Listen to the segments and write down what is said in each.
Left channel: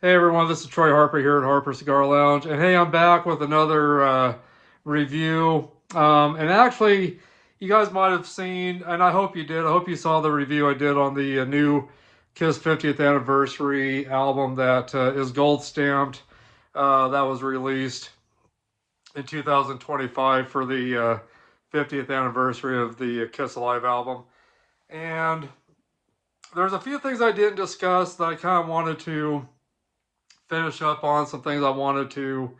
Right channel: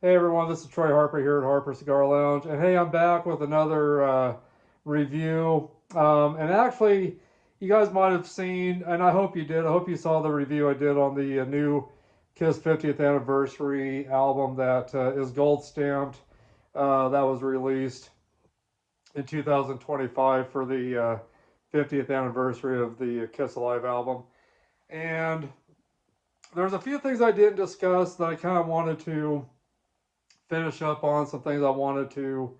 Hey everyone, this is Troy Harper here at Harper's Cigar Lounge, and hey, I'm back with another review. And actually, you guys might have seen, and I hope you did. I hope you saw the review I did on the new Kiss 50th anniversary album that is gold stamped. That was released in 2025 for the 50th anniversary of the Kiss Alive album. And there's a few things I didn't discuss that I kind of wanted to finish up on, some things I wanted to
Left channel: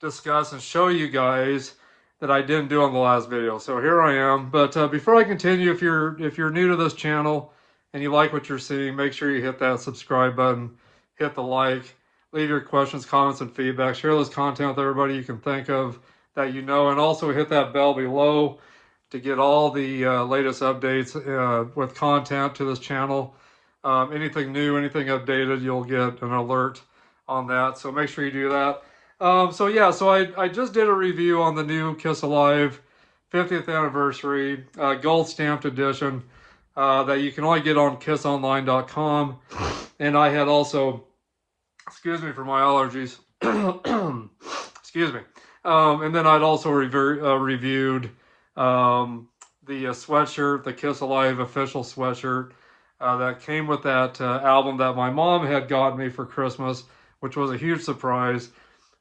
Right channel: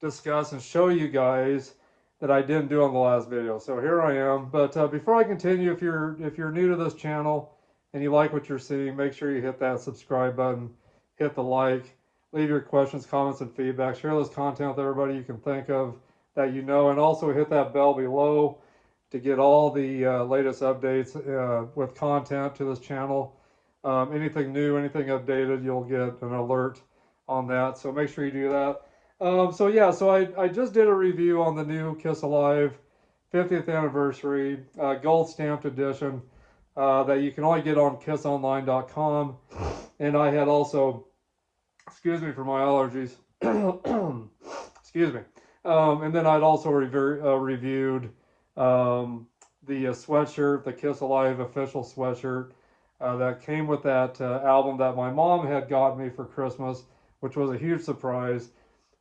discuss and show you guys that I didn't do on the last video. So here I am. But before I continue, if you're new to this channel and you like what you're seeing, make sure you hit that subscribe button, hit the like, leave your questions, comments, and feedback. Share this content with everybody you can think of that you know, and also hit that bell below to get all the latest updates with content to this channel. Anything new, anything updated, you'll get an alert on that. So make sure you do that. So I just did a review on the new Kiss Alive 50th anniversary gold stamped edition that you can only get on kissonline.com. And I had also, excuse me for my allergies, excuse me. And then I'd also reviewed the sweatshirt, the Kiss Alive official sweatshirt that came with that album that my mom had gotten me for Christmas, which was a huge surprise.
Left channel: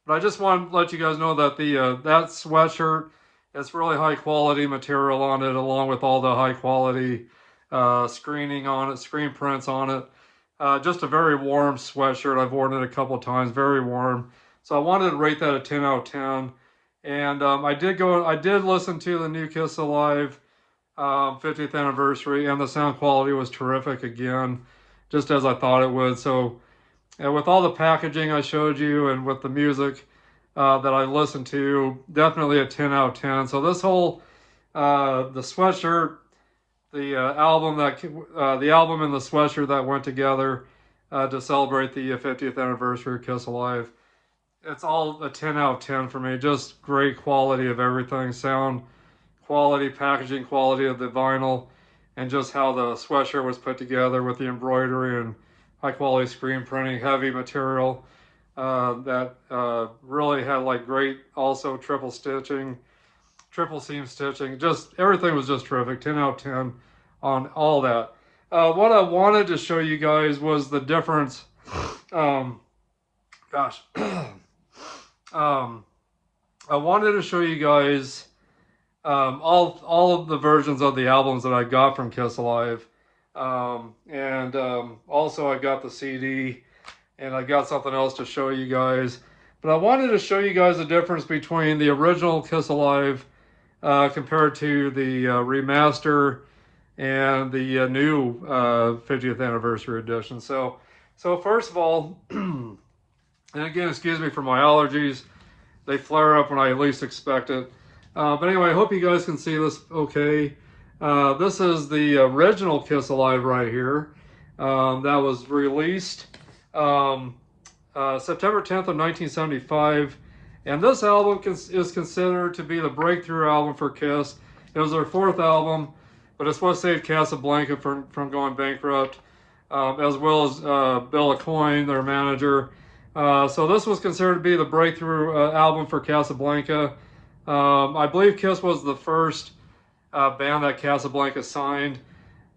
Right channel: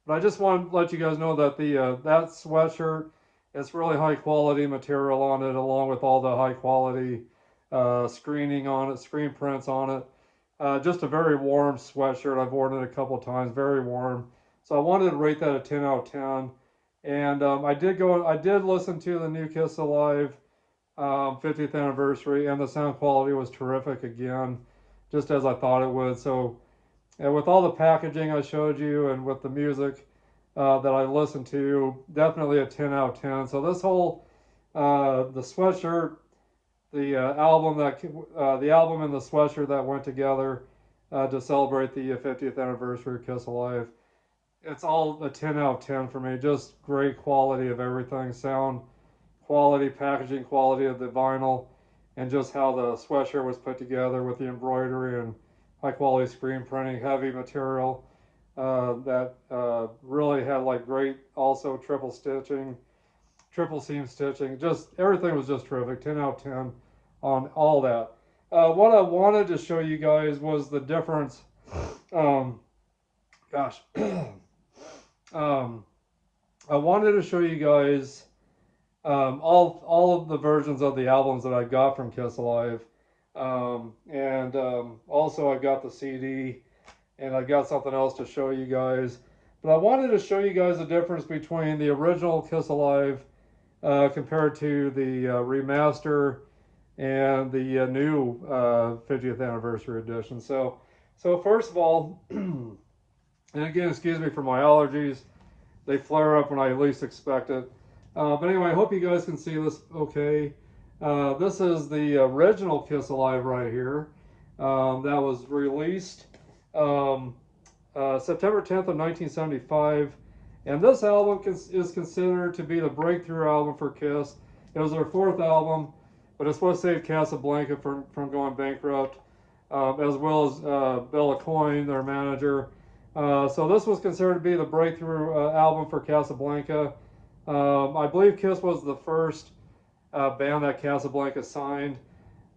But I just want to let you guys know that the that sweatshirt, it's really high quality material on it, along with all the high quality screening on it, screen prints on it. Just a very warm sweatshirt. I've worn it a couple of times, very warm. So I wanted to rate that a 10 out of 10. And I did listen to the new Kiss Alive 50th anniversary, and the sound quality was terrific again, just as I thought it would. So, and with all the packaging I showed you, and with the music that I listened to, definitely a 10 out of 10. So this whole the sweatshirt, the album and the sweatshirt that went together to celebrate the 50th anniversary of Kiss Alive, it's all a 10 out of 10 for me. Just great quality of everything, sound quality, packaging quality of the vinyl, and just how the sweatshirt was put together with the embroidery and high quality screen printing, heavy material that really had like great also triple stitching, triple seam stitching. Just everything was just terrific. 10 out of 10 on all that. What I wanted to show you guys was the difference. Gosh. I wanted to show you guys all of the versions of the albums that I got from Kiss Alive. Also I got the CD, and I got something else to show you guys. But I wanted to show you guys the difference between the original Kiss Alive compared to the remaster and the new 50th anniversary edition. So first of all, and again, excuse me for my allergies. They flare up when I least expect it. But anyway, I hope you guys can see this okay. This is the original Kiss Alive right here. That was released September 10th of 1975. And this album is considered to be the breakthrough album for Kiss. It was their fourth album, but it's what saved Casablanca from going bankrupt, as well as Bill Aucoin, their manager. So this was considered to be the breakthrough album for Casablanca. I believe Kiss was the first band that Casablanca signed.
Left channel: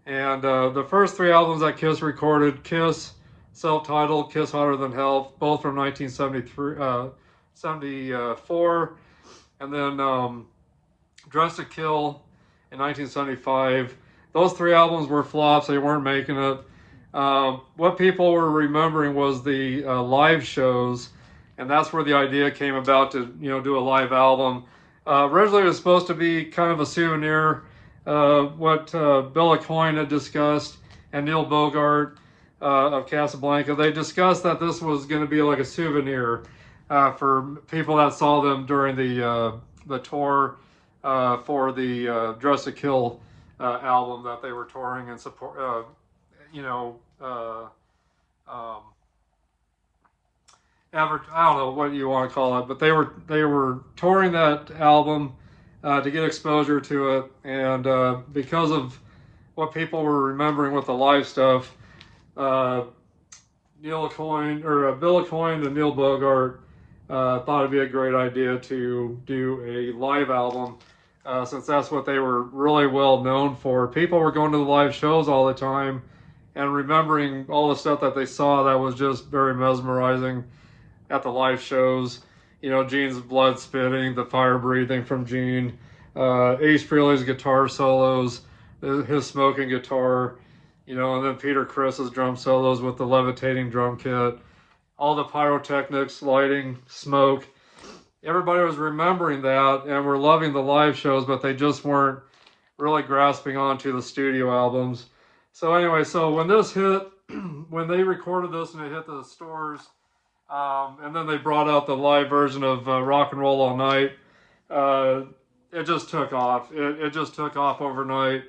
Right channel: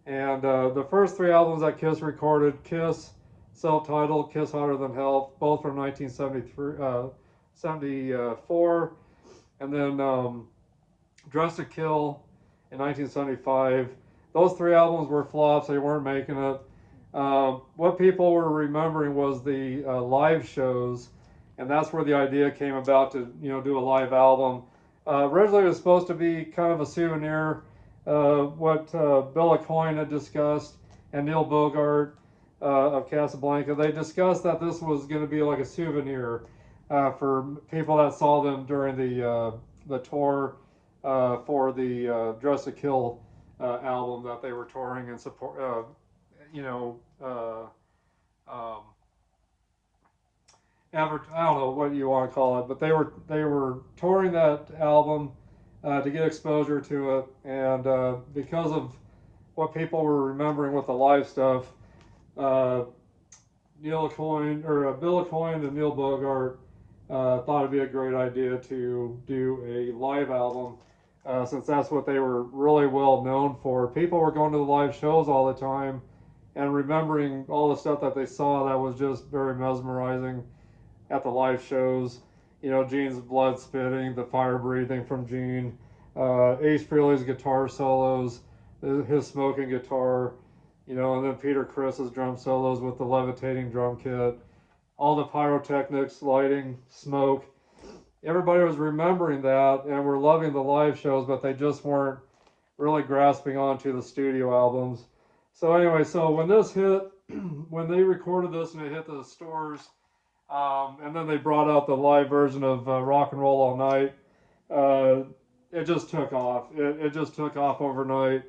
And the first three albums that Kiss recorded, Kiss, self-titled, Kiss Hotter Than Hell, both from 1974. And then Dressed to Kill in 1975. Those three albums were flops. They weren't making it. What people were remembering was the live shows, and that's where the idea came about to do a live album. Originally, it was supposed to be kind of a souvenir. What Bill Aucoin had discussed and Neil Bogart of Casablanca, they discussed that this was going to be like a souvenir for people that saw them during the tour for the Dress to Kill album that they were touring and support. I don't know what you want to call it, but they were touring that album to get exposure to it, and because of what people were remembering with the live stuff, Neil Coyne, or Bill Coyne and Neil Bogart thought it'd be a great idea to do a live album, since that's what they were really well known for. People were going to the live shows all the time and remembering all the stuff that they saw that was just very mesmerizing at the live shows. You know, Gene's blood spitting, the fire breathing from Gene, Ace Frehley's guitar solos, his smoking guitar, you know, and then Peter Criss's drum solos with the levitating drum kit, all the pyrotechnics, lighting, smoke. Everybody was remembering that and were loving the live shows, but they just weren't really grasping onto the studio albums. So anyway, so when this hit, when they recorded this and it hit the stores, and then they brought out the live version of Rock and Roll All Night, it just took off. It just took off overnight,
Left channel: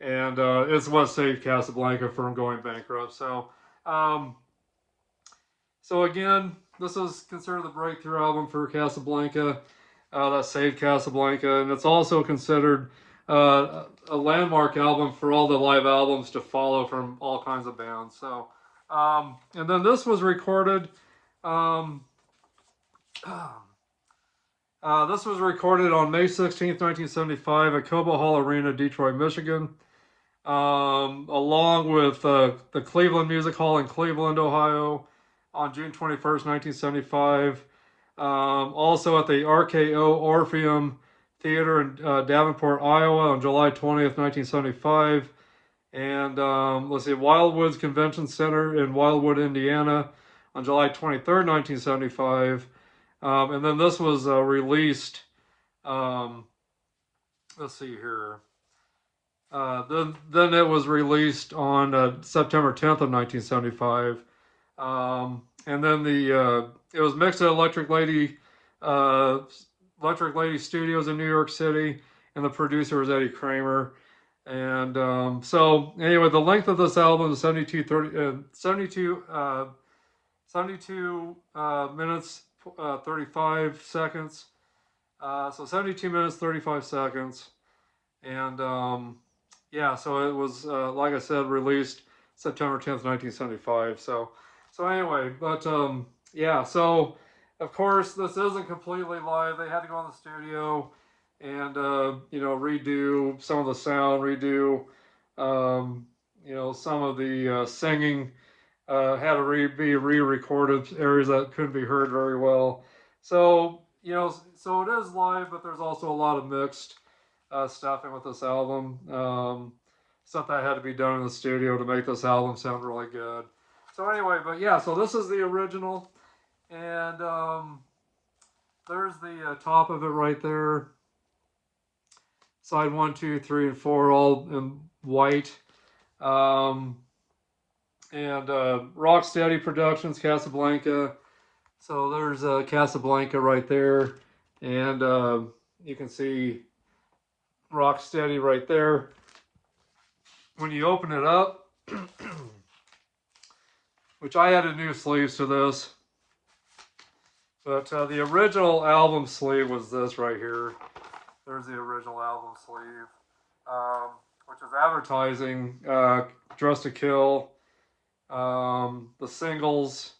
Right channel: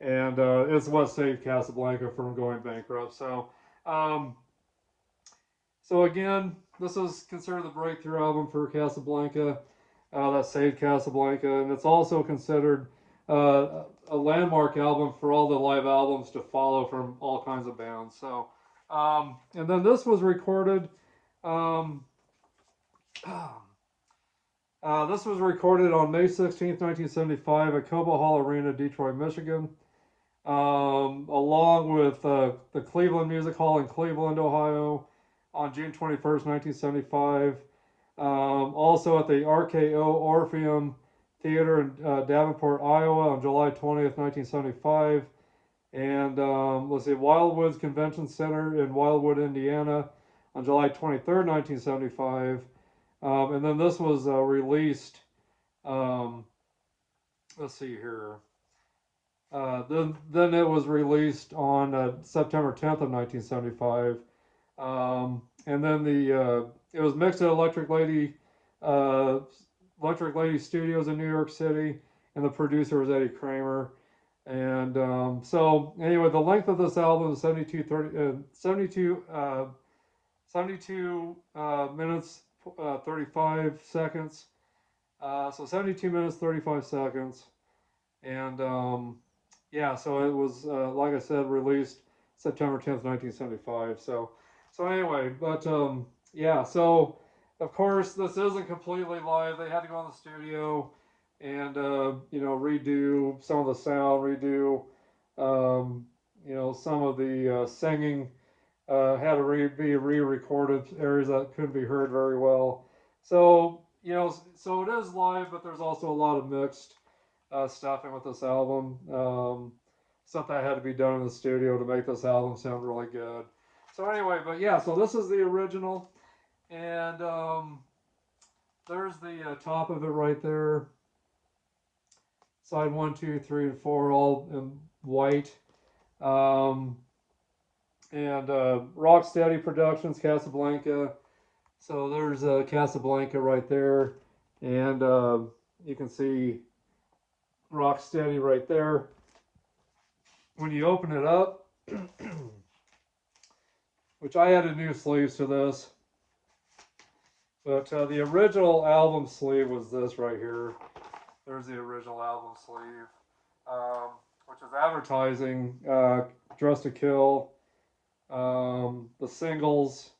and it's what saved Casablanca from going bankrupt. So again, this is considered the breakthrough album for Casablanca, that saved Casablanca, and it's also considered a landmark album for all the live albums to follow from all kinds of bands. So, and then this was recorded. This was recorded on May 16th, 1975 at Cobo Hall Arena, Detroit, Michigan, along with the Cleveland Music Hall in Cleveland, Ohio, on June 21st, 1975. Also at the RKO Orpheum Theater in Davenport, Iowa on July 20th, 1975. And let's see, Wildwood's Convention Center in Wildwood, Indiana on July 23rd, 1975. And then this was released, let's see here. Then it was released on September 10th of 1975. And then it was mixed at Electric Lady Studios in New York City, and the producer was Eddie Kramer. And so anyway, the length of this album is 72 minutes 35 seconds. So 72 minutes 35 seconds. And yeah, so it was like I said, released September 10th, 1975. So anyway, but yeah, so of course this isn't completely live. They had to go in the studio and you know, redo some of the sound, redo you know, some of the singing, had to be re-recorded, areas that couldn't be heard very well. So you know, so it is live, but there's also a lot of mixed stuff in with this album. Stuff that had to be done in the studio to make this album sound really good. So anyway, but yeah, so this is the original, and there's the top of it right there. Side 1, 2, 3, and 4, all in white. And Rocksteady Productions, Casablanca. So there's Casablanca right there, and you can see Rocksteady right there. When you open it up, which I added new sleeves to this, but the original album sleeve was this right here. There's the original album sleeve, which is advertising Dress to Kill, the singles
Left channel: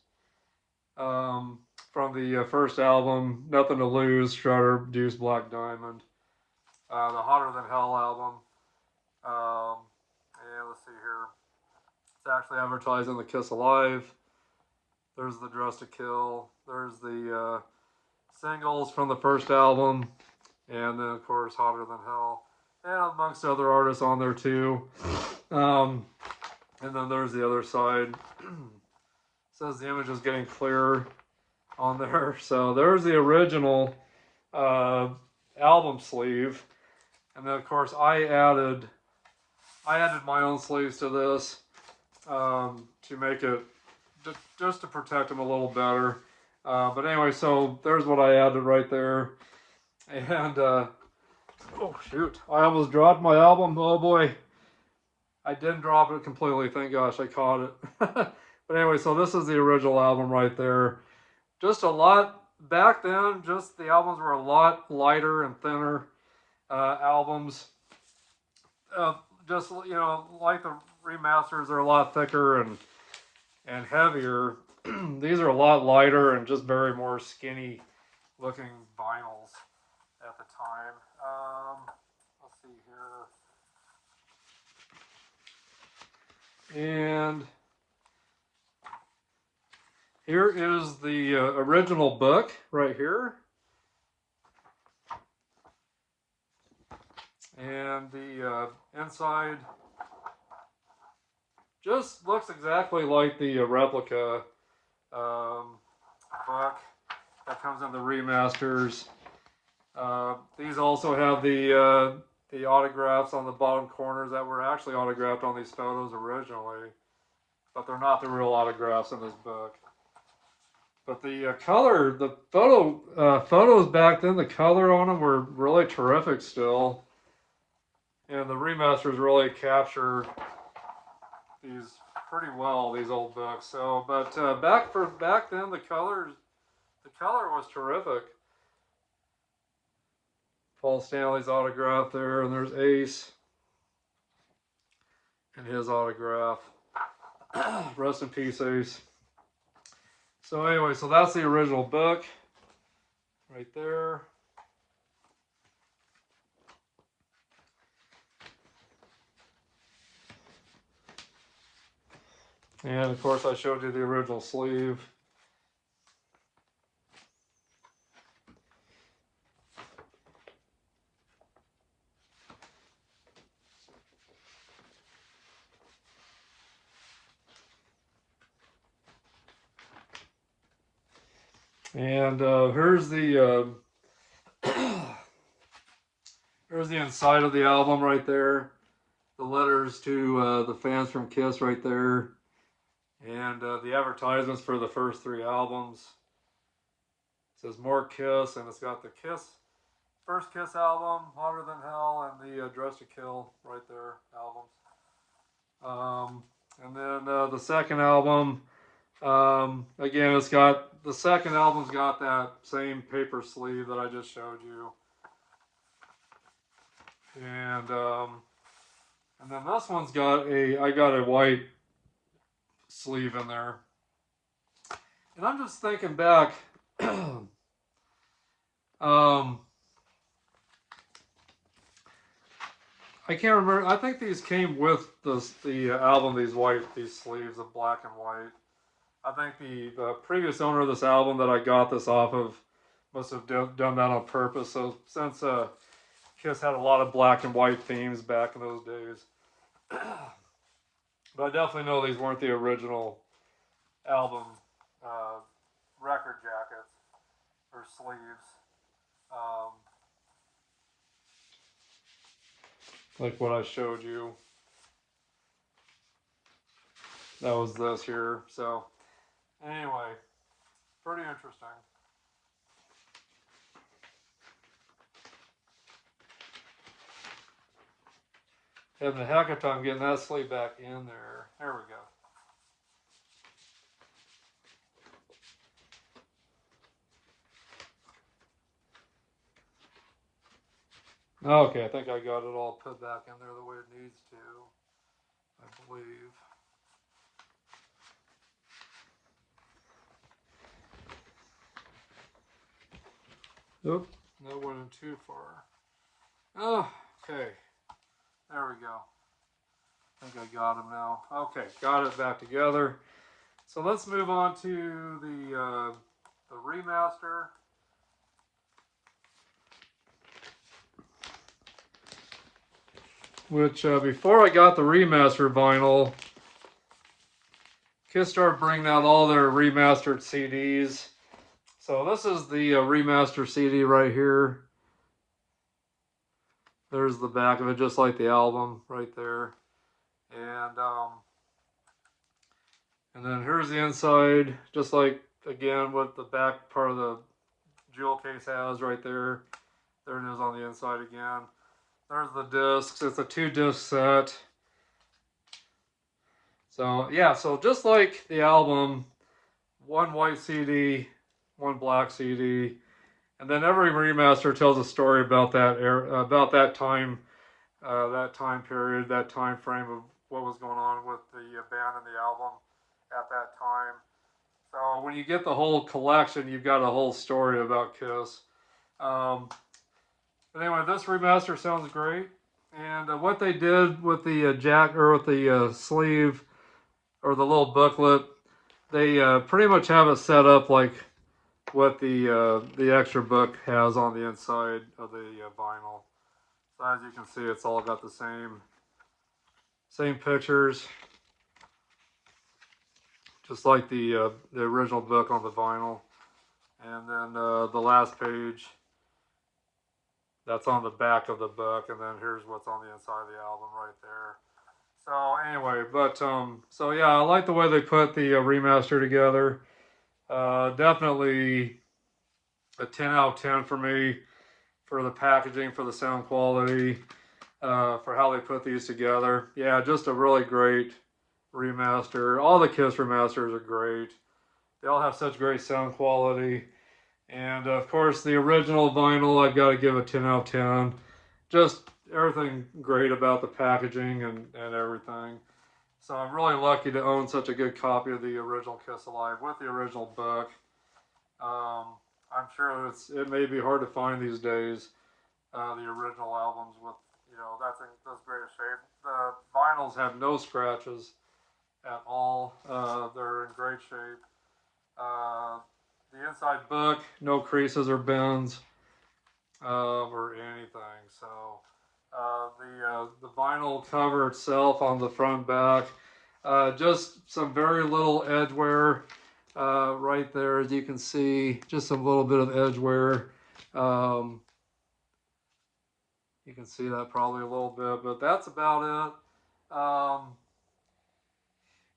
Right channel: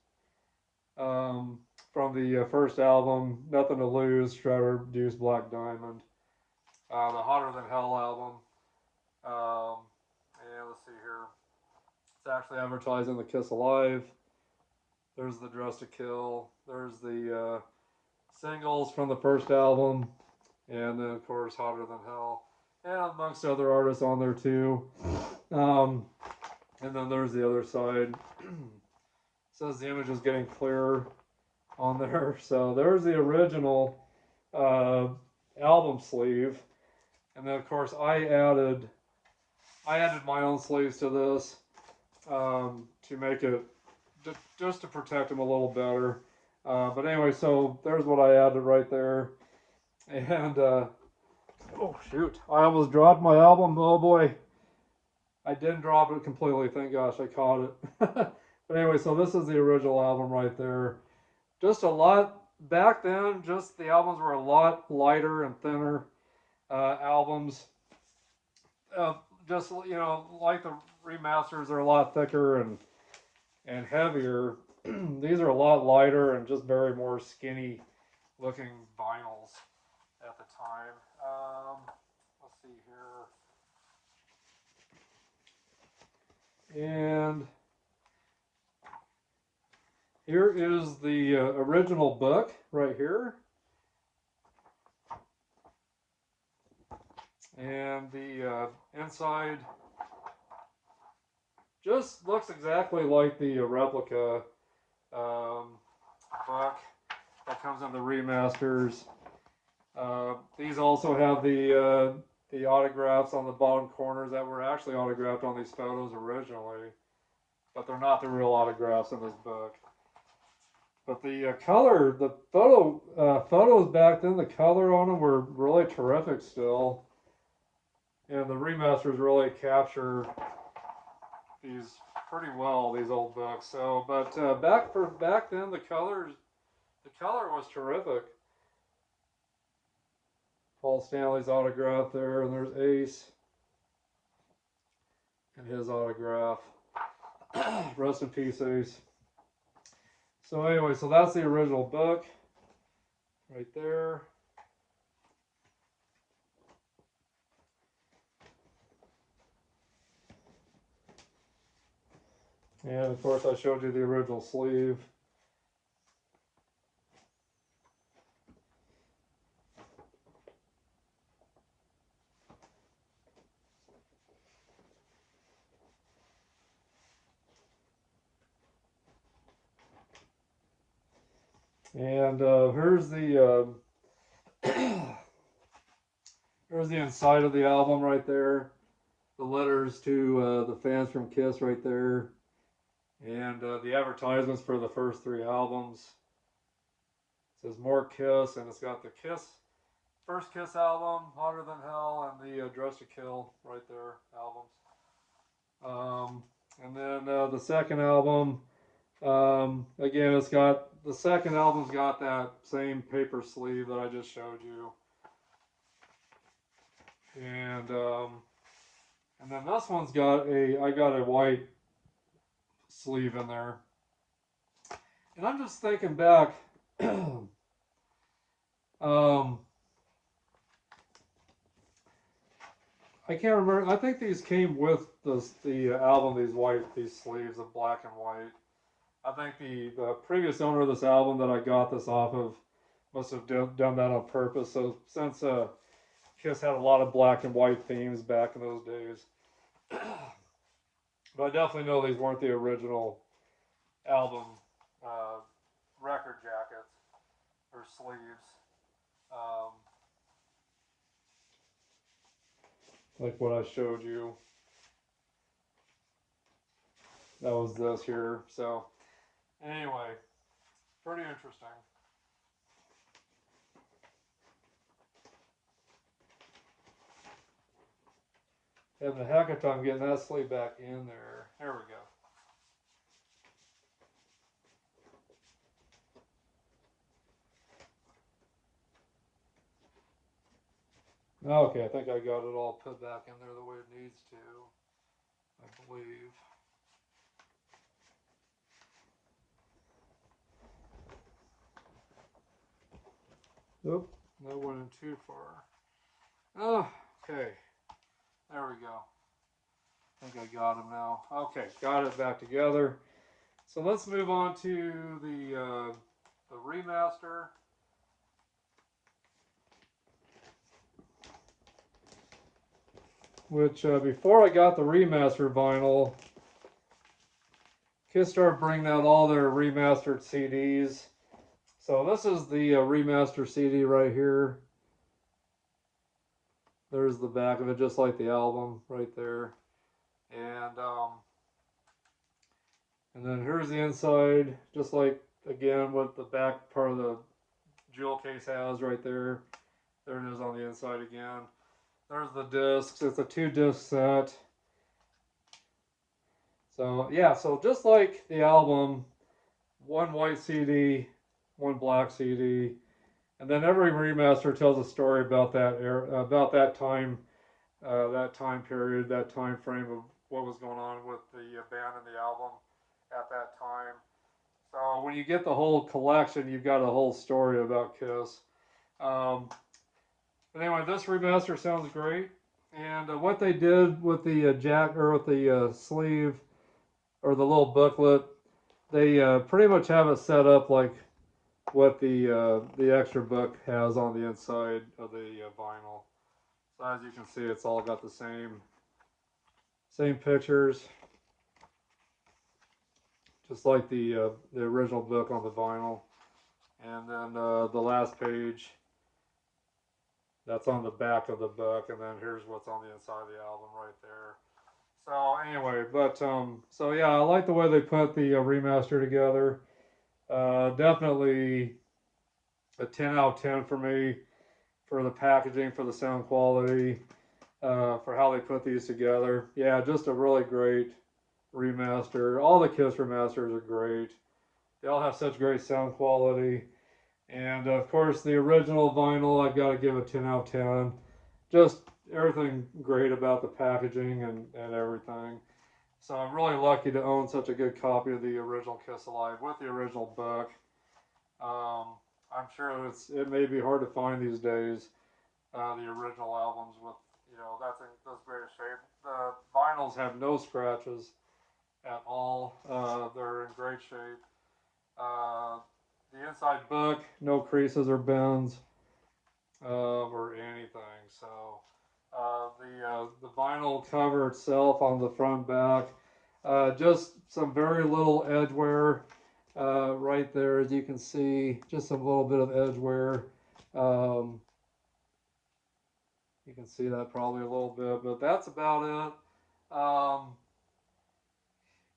from the first album, Nothing to Lose, Strutter, Deuce, Black Diamond, the Hotter Than Hell album. Yeah, let's see here. It's actually advertising the Kiss Alive. There's the Dress to Kill. There's the singles from the first album. And then, of course, Hotter Than Hell. And amongst other artists on there, too. And then there's the other side. Says the image is getting clearer on there. So there's the original album sleeve. And then, of course, I added my own sleeves to this to make it, just to protect them a little better. But anyway, so there's what I added right there. And, oh shoot, I almost dropped my album. Oh boy. I didn't drop it completely, thank gosh, I caught it. But anyway, so this is the original album right there. Just a lot, back then, just the albums were a lot lighter and thinner albums. Just, you know, like the remasters are a lot thicker and and heavier. These are a lot lighter and just very more skinny looking vinyls at the time. Let's see here. And here is the original book right here. And the inside just looks exactly like the replica book that comes in the remasters. These also have the autographs on the bottom corners that were actually autographed on these photos originally, but they're not the real autographs in this book. But the color, the photos back then, the color on them were really terrific still. And the remasters really capture these pretty well, these old books. So, but back then, the color was terrific. Paul Stanley's autograph there, and there's Ace and his autograph. Rest in peace, Ace. So anyway, so that's the original book right there. And of course I showed you the original sleeve. And here's the here's the inside of the album right there. The letters to the fans from KISS right there. And the advertisements for the first 3 albums. It says more KISS, and it's got the KISS, first KISS album, Hotter Than Hell, and the Dress to Kill right there albums. And then the second album, again, it's got, the second album's got that same paper sleeve that I just showed you. And then this one's got I got a white sleeve in there. And I'm just thinking back, I can't remember, I think these came with the album, these sleeves of black and white. I think the previous owner of this album that I got this off of must have done that on purpose. So since KISS had a lot of black and white themes back in those days. But I definitely know these weren't the original album record jackets or sleeves. Like what I showed you. That was this here. So anyway, pretty interesting. Having a heck of a time getting that sleeve back in there. There we go. Okay, I think I got it all put back in there the way it needs to, I believe. Nope, that went in too far. Oh, okay. There we go. I think I got them now. Okay, got it back together. So let's move on to the remaster. Which, before I got the remaster vinyl, KISS started bringing out all their remastered CDs. So this is the remaster CD right here. There's the back of it, just like the album right there. And then here's the inside, just like, again, what the back part of the jewel case has right there. There it is on the inside again. There's the discs. It's a 2-disc set. So, yeah, so just like the album, 1 white CD, 1 black CD. And then every remaster tells a story about that era, about that time period, that time frame of what was going on with the band and the album. at that time. So when you get the whole collection, you've got a whole story about Kiss. But anyway, this remaster sounds great. And what they did with the jack or with the sleeve or the little booklet, they pretty much have it set up like what the extra book has on the inside of the vinyl. So as you can see, it's all got the same pictures, just like the original book on the vinyl. And then the last page, that's on the back of the book, and then here's what's on the inside of the album right there. So anyway, but so yeah, I like the way they put the remaster together. Definitely a 10 out of 10 for me, for the packaging, for the sound quality, for how they put these together. Yeah, just a really great remaster. All the Kiss remasters are great. They all have such great sound quality. And of course, the original vinyl, I've got to give a 10 out of 10. Just everything great about the packaging and everything. So I'm really lucky to own such a good copy of the original Kiss Alive with the original book. I'm sure it may be hard to find these days, the original albums with, you know, that's in those great shape. The vinyls have no scratches at all. They're in great shape. The inside book, no creases or bends or anything. So the vinyl cover itself on the front and back, just some very little edge wear right there, as you can see, just a little bit of edge wear. You can see that probably a little bit, but that's about it.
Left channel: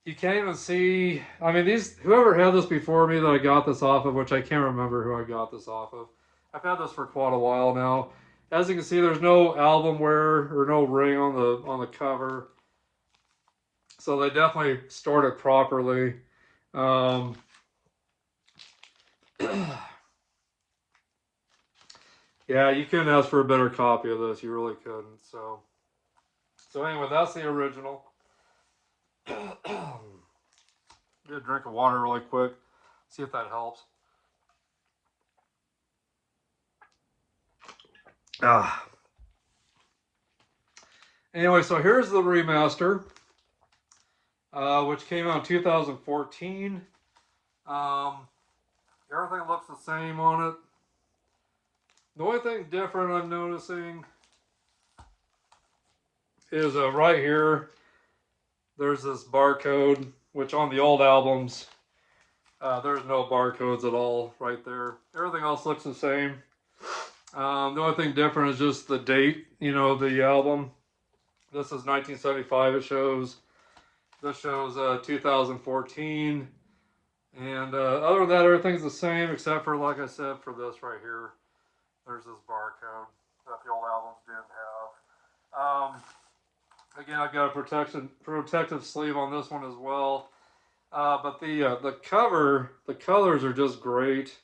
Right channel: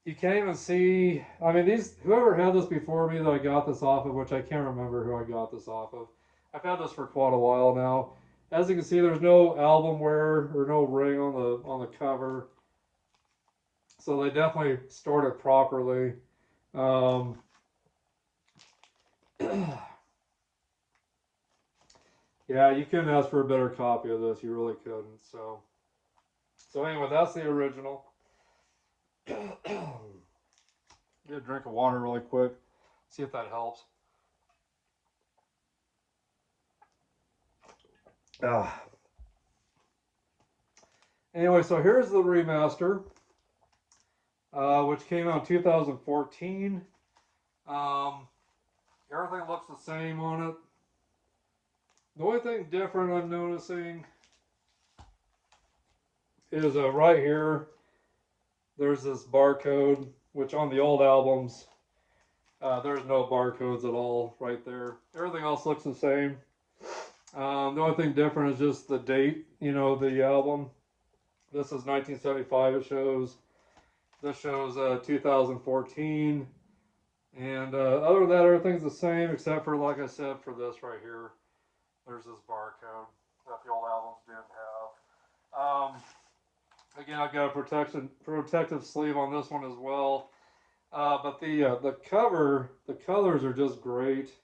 You can't even see, I mean, whoever had this before me that I got this off of, which I can't remember who I got this off of. I've had this for quite a while now. As you can see, there's no album wear or no ring on the cover. So they definitely stored it properly. Yeah, you couldn't ask for a better copy of this. You really couldn't. So anyway, that's the original. Get a drink of water really quick. See if that helps. Anyway, so here's the remaster, which came out in 2014. Everything looks the same on it. The only thing different I'm noticing is right here, there's this barcode, which on the old albums, there's no barcodes at all right there. Everything else looks the same. The only thing different is just the date, you know, the album. This is 1975, it shows. This shows 2014. And other than that, everything's the same, except for, like I said, for this right here. There's this barcode that the old albums didn't have. Again, I've got a protective sleeve on this one as well. But the cover, the colors are just great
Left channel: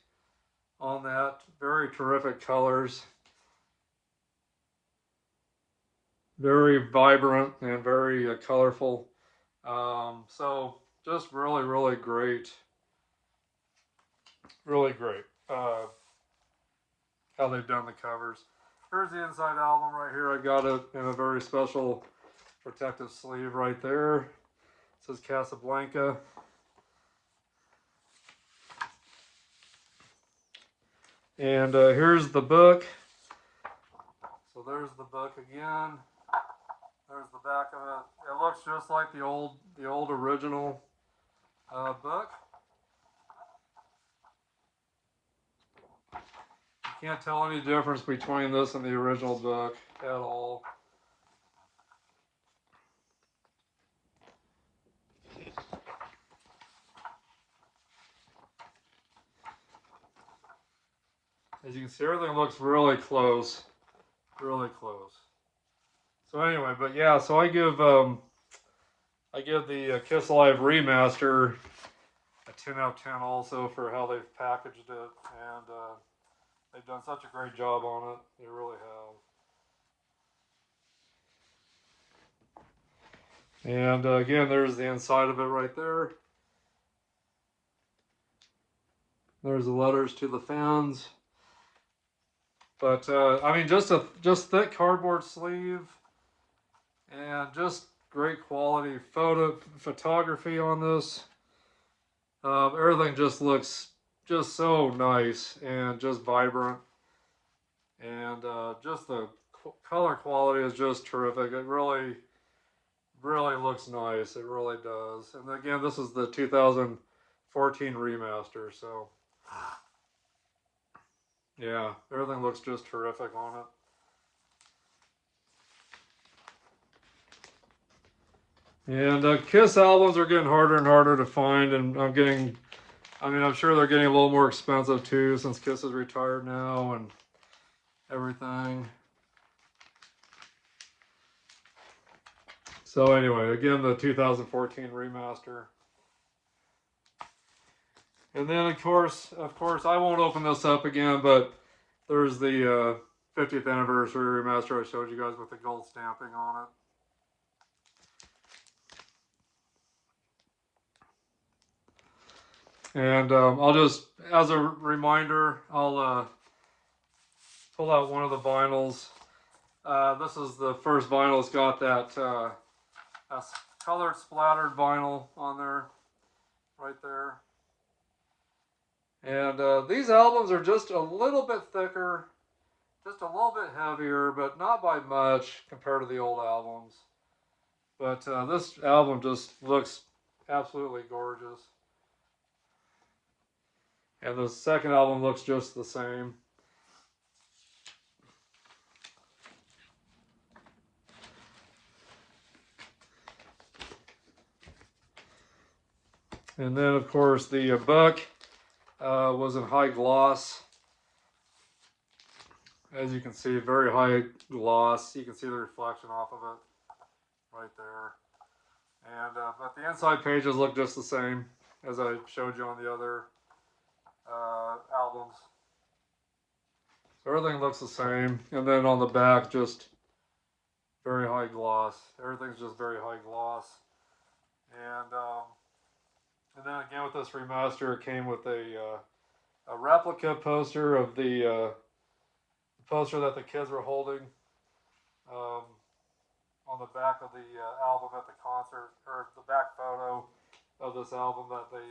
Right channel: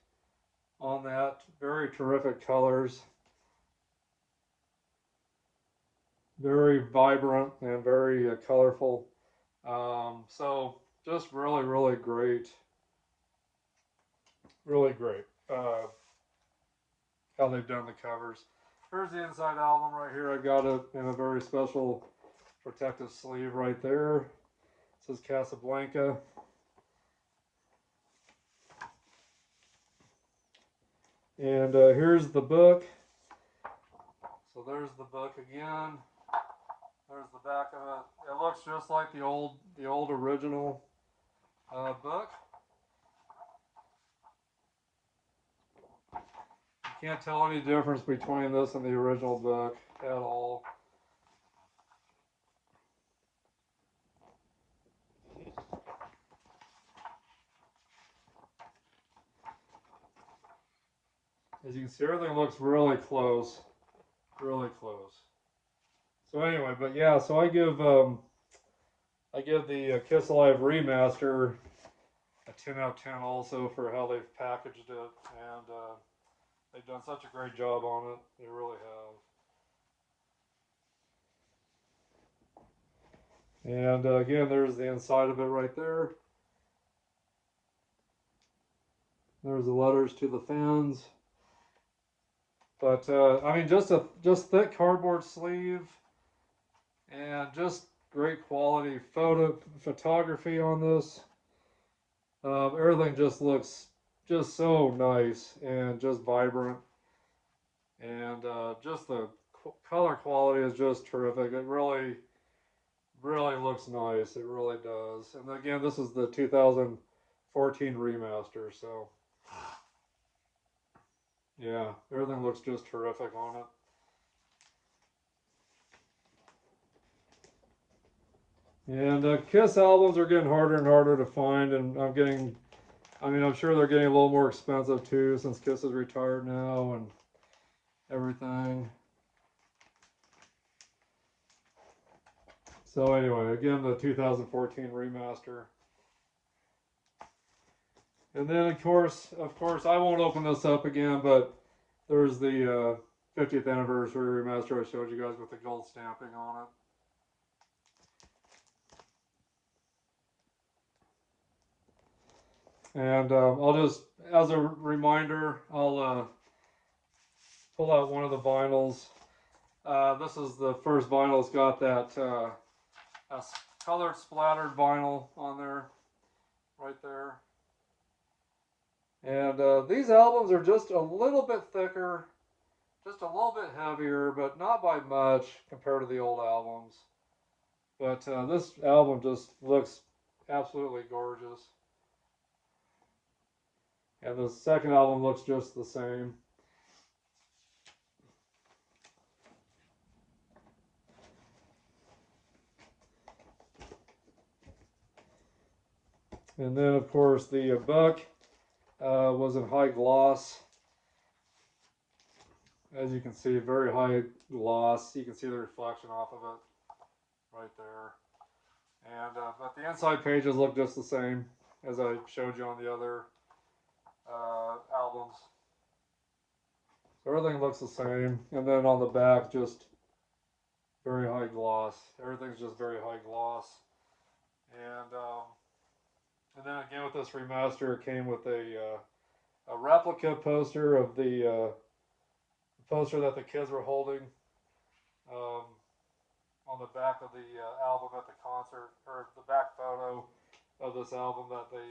on that. Very terrific colors. Very vibrant and very colorful. So just really, really great. Really great. How they've done the covers. Here's the inside album right here. I got it in a very special protective sleeve right there. It says Casablanca. And here's the book. So there's the book again. There's the back of it. It looks just like the old original book. You can't tell any difference between this and the original book at all. As you can see, everything looks really close. Really close. So anyway, but yeah, so I give the Kiss Alive Remaster a 10 out of 10 also for how they've packaged it, and they've done such a great job on it. They really have. And again, there's the inside of it right there. There's the letters to the fans. But I mean, just thick cardboard sleeve, and just great quality photography on this. Everything just looks just so nice and just vibrant, and just the color quality is just terrific. It really looks nice. It really does. And again, this is the 2014 remaster, so yeah, everything looks just terrific on it. And KISS albums are getting harder and harder to find, and I'm sure they're getting a little more expensive too, since KISS is retired now and everything. So anyway, again, the 2014 remaster. And then of course, I won't open this up again, but there's the 50th anniversary remaster I showed you guys with the gold stamping on it. And I'll just, as a reminder, I'll pull out one of the vinyls. This is the first vinyl. It's got that colored splattered vinyl on there, right there. And these albums are just a little bit thicker, just a little bit heavier, but not by much compared to the old albums. But this album just looks absolutely gorgeous. And the second album looks just the same. And then, of course, the book was in high gloss. As you can see, very high gloss. You can see the reflection off of it right there. And but the inside pages look just the same as I showed you on the other albums. So everything looks the same. And then on the back, just very high gloss. Everything's just very high gloss. And then again with this remaster, it came with a replica poster of the poster that the kids were holding on the back of the album at the concert, or the back photo of this album that they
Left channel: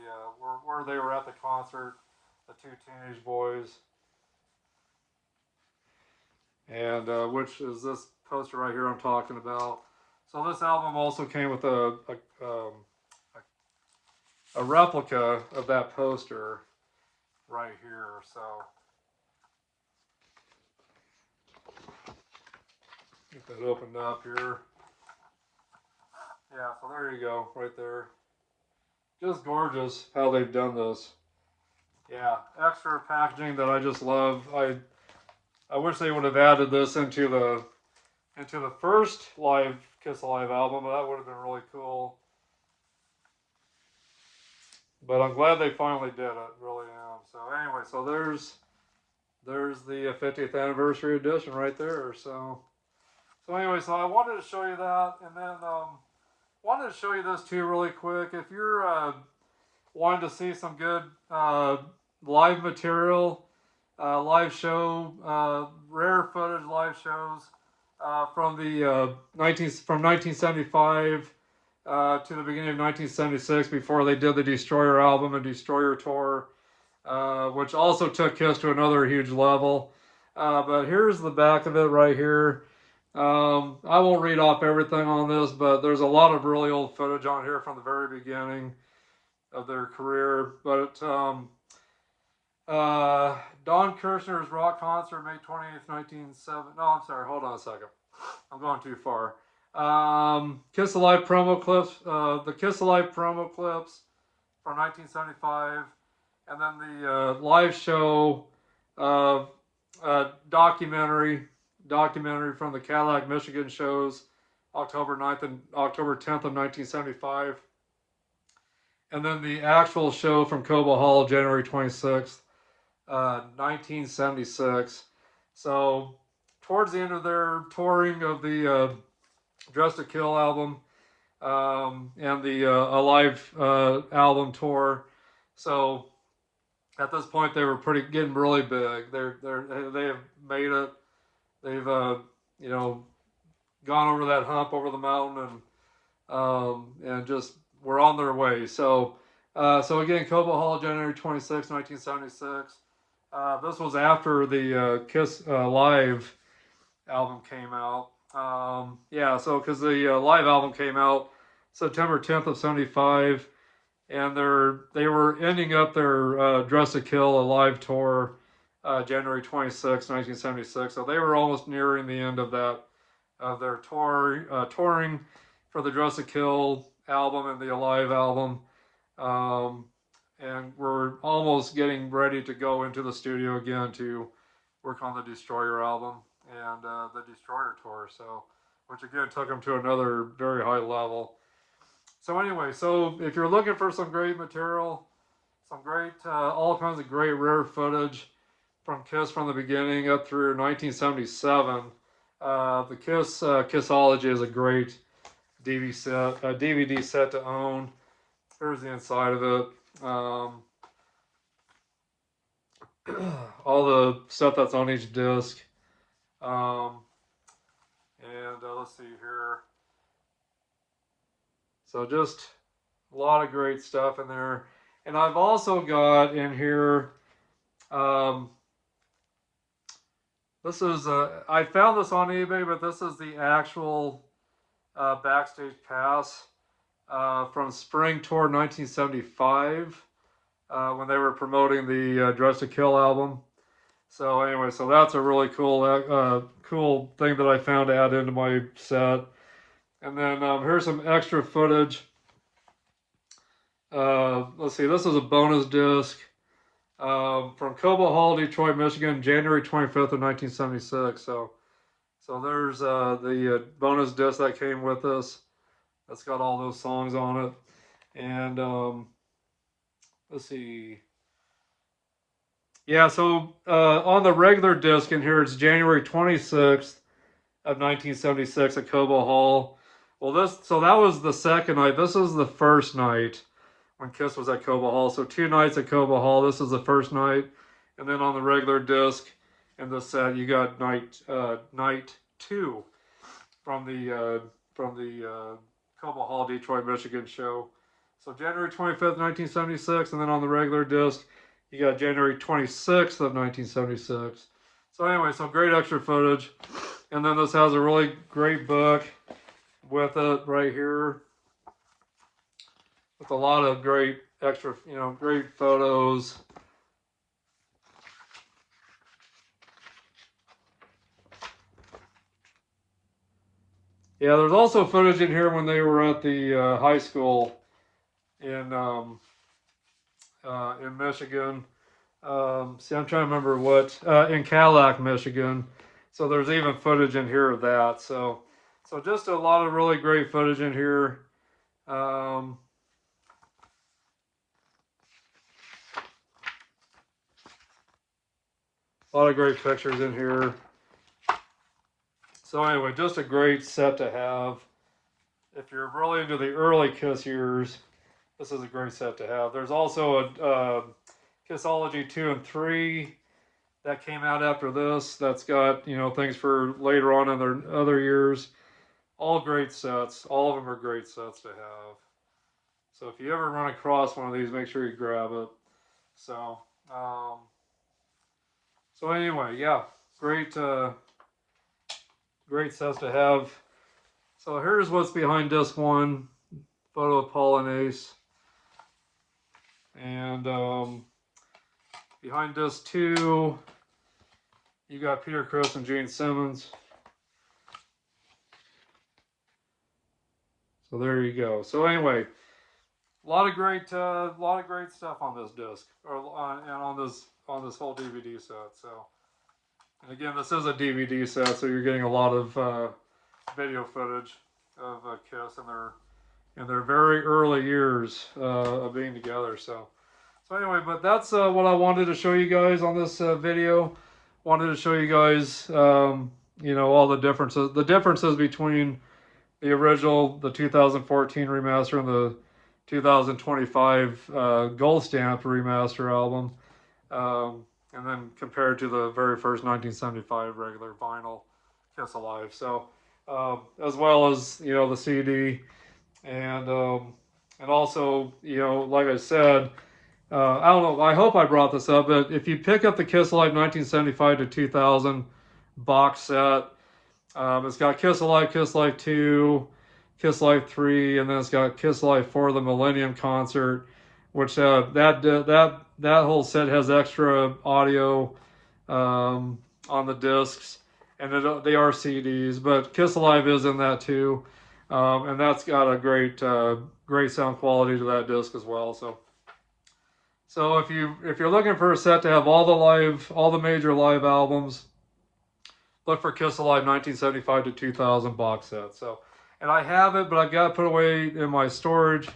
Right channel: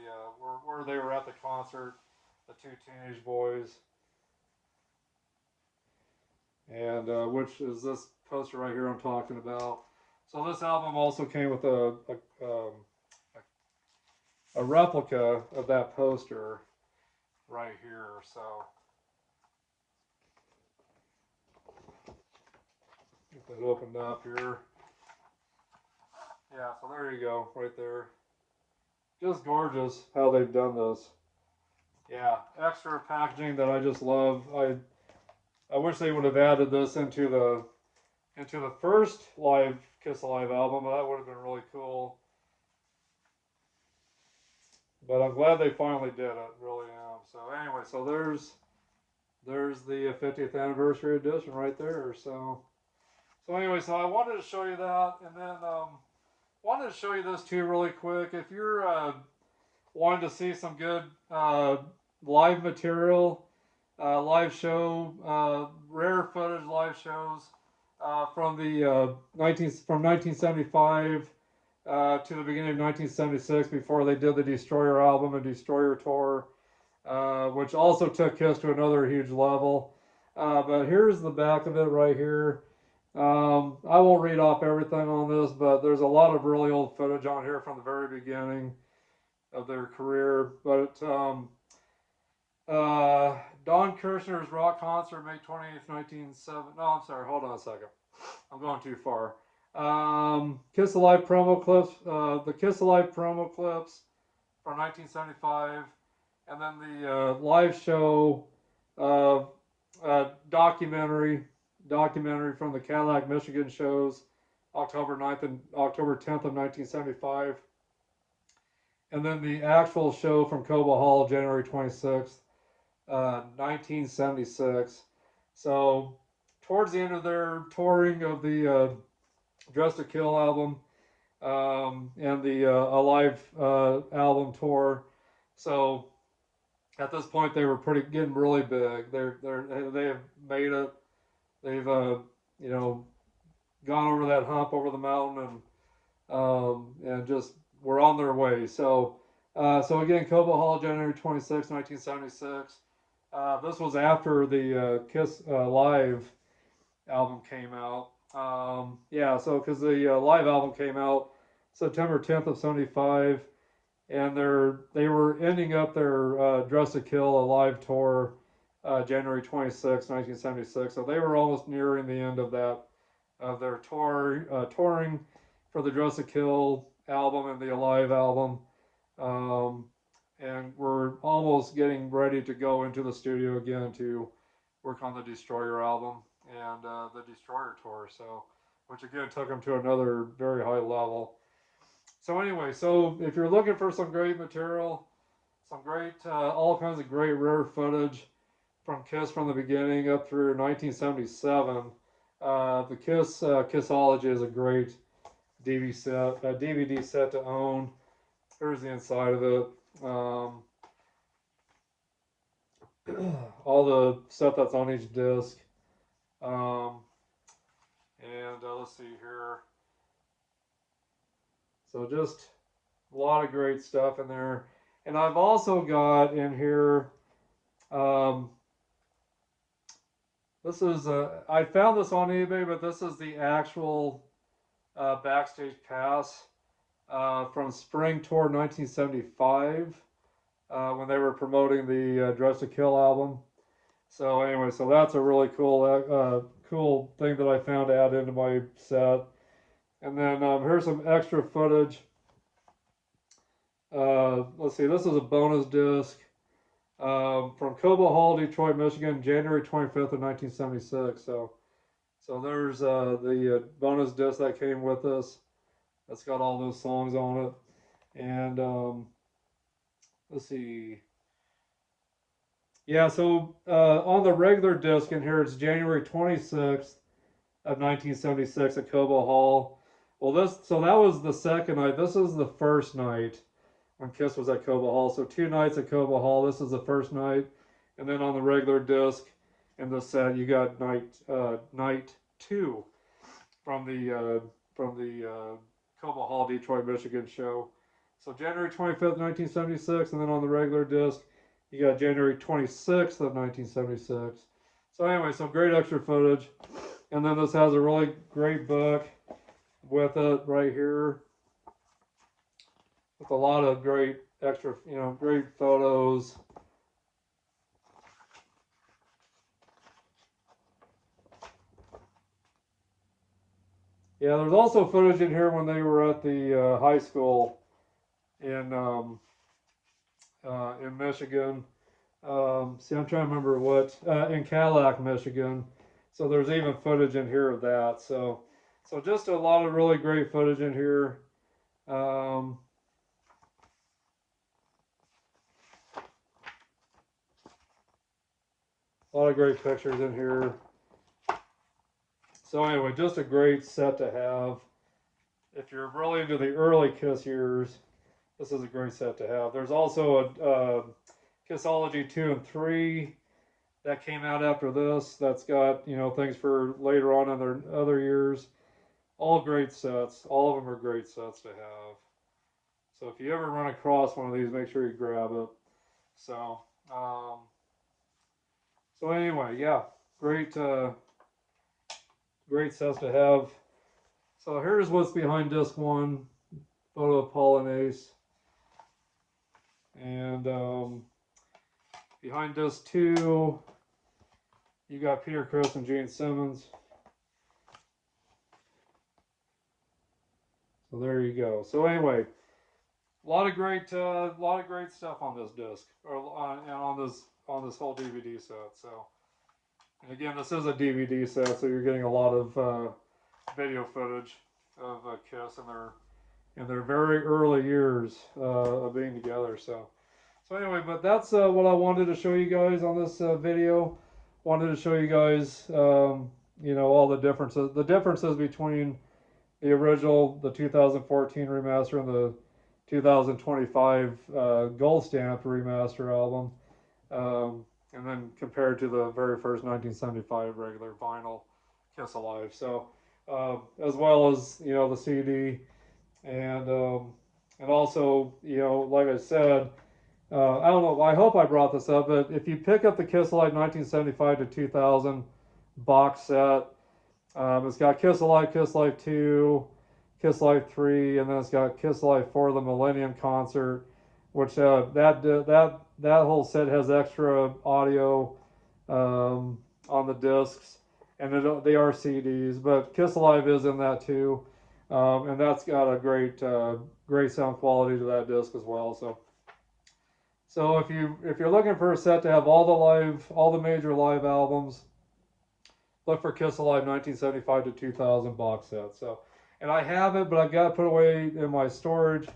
where they were at the concert, the two teenage boys, and which is this poster right here I'm talking about. So this album also came with a replica of that poster right here. So get that opened up here. Yeah, so there you go, right there. Just gorgeous how they've done this. Yeah, extra packaging that I just love. I wish they would have added this into the first live Kiss Alive album. That would have been really cool. But I'm glad they finally did it. Really am. So anyway, so there's the 50th anniversary edition right there. So anyway, so I wanted to show you that, and then wanted to show you this too really quick. If you're wanting to see some good live material, live show, rare footage live shows from the 1975 to the beginning of 1976, before they did the Destroyer album and Destroyer tour, which also took KISS to another huge level. But here's the back of it right here. I won't read off everything on this, but there's a lot of really old footage on here from the very beginning of their career. But Don Kirshner's rock concert, May 28th, 1970. No, I'm sorry. Hold on a second. I'm going too far. Kiss Alive promo clips. The Kiss Alive promo clips from 1975, and then the live show documentary from the Cadillac, Michigan shows, October 9th and October 10th of 1975. And then the actual show from Cobo Hall, January 26th, 1976. So towards the end of their touring of the Dress to Kill album and the Alive album tour. So at this point they were getting really big. They have made it. They've you know, gone over that hump, over the mountain, and just were on their way. So so again, Cobo Hall, January 26, 1976. This was after the Kiss Live album came out. Yeah, so because the live album came out September 10th of 75, and they were ending up their Dress to Kill, a live tour, January 26, 1976. So they were almost nearing the end of that, of their touring for the Dress to Kill album and the Alive album. And we're almost getting ready to go into the studio again to work on the Destroyer album and the Destroyer tour. So, which again took them to another very high level. So anyway, so if you're looking for some great material, some great, all kinds of great rare footage from Kiss from the beginning up through 1977, the Kiss Kissology is a great DVD set to own. Here's the inside of it. All the stuff that's on each disc. Let's see here. So just a lot of great stuff in there. And I've also got in here, this is, I found this on eBay, but this is the actual backstage pass from Spring Tour 1975 when they were promoting the Dress to Kill album. So anyway, so that's a really cool, cool thing that I found to add into my set. And then here's some extra footage. Let's see, this is a bonus disc from Cobo Hall, Detroit, Michigan, January 25th of 1976. So there's the bonus disc that came with this. That's got all those songs on it. And let's see. Yeah, so on the regular disc in here, it's January 26th of 1976 at Cobo Hall. Well, so that was the second night. This is the first night when Kiss was at Cobo Hall. So 2 nights at Cobo Hall. This is the first night. And then on the regular disc in the set, you got night 2 from the Cobo Hall, Detroit, Michigan show. So January 25th, 1976. And then on the regular disc, you got January 26th of 1976. So anyway, so great extra footage. And then this has a really great book with it right here, with a lot of great extra, great photos. Yeah, there's also footage in here when they were at the high school in Michigan. See, I'm trying to remember what, in Cadillac, Michigan. So there's even footage in here of that. So just a lot of really great footage in here. A lot of great pictures in here. So anyway, just a great set to have. If you're really into the early Kiss years, this is a great set to have. There's also a Kissology 2 and 3 that came out after this. That's got, things for later on in their other years. All great sets. All of them are great sets to have. So if you ever run across one of these, make sure you grab it. So, so anyway, yeah, great, great sets to have. So here's what's behind disc 1. Photo of Paul and Ace. And behind disc 2, you got Peter Criss and Gene Simmons. So there you go. So anyway, a lot of great stuff on this disc, or on this whole DVD set. So, and again, this is a DVD set, so you're getting a lot of video footage of Kiss in their very early years of being together. So anyway, but that's what I wanted to show you guys on this video. Wanted to show you guys, all the differences between the original, the 2014 remaster, and the 2025 gold stamp remaster album. And then compared to the very first 1975 regular vinyl Kiss Alive. So, as well as, you know, the CD, and also, you know, like I said, I don't know, I hope I brought this up, but if you pick up the Kiss Alive 1975 to 2000 box set, it's got Kiss Alive, Kiss Alive 2, Kiss Alive 3, and then it's got Kiss Alive 4, the Millennium Concert, which that whole set has extra audio on the discs, and they are CDs, but Kiss Alive is in that too, and that's got a great sound quality to that disc as well. So if you're looking for a set to have all the major live albums, look for Kiss Alive 1975 to 2000 box set. So, and I have it, but I've got to put it away in my storage,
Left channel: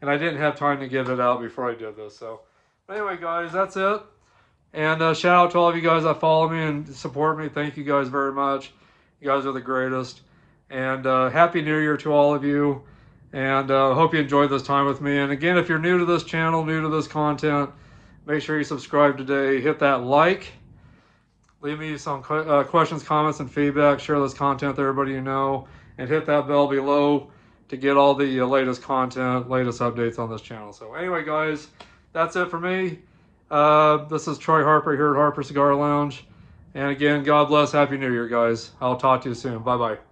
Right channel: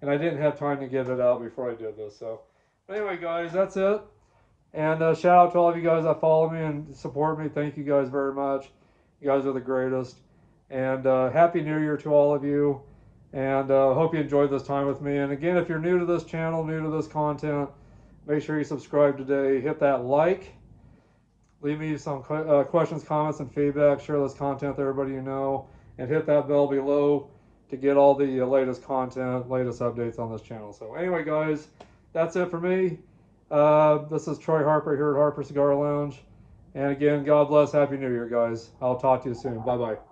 and I didn't have time to get it out before I did this. So, anyway, guys, that's it. And shout out to all of you guys that follow me and support me. Thank you guys very much. You guys are the greatest. And Happy New Year to all of you. And hope you enjoyed this time with me. And again, if you're new to this channel, new to this content, make sure you subscribe today. Hit that like. Leave me some questions, comments, and feedback. Share this content with everybody you know. And hit that bell below to get all the latest content, latest updates on this channel. So anyway, guys, that's it for me. This is Troy Harper here at Harper Cigar Lounge. And again, God bless. Happy New Year, guys. I'll talk to you soon. Bye-bye.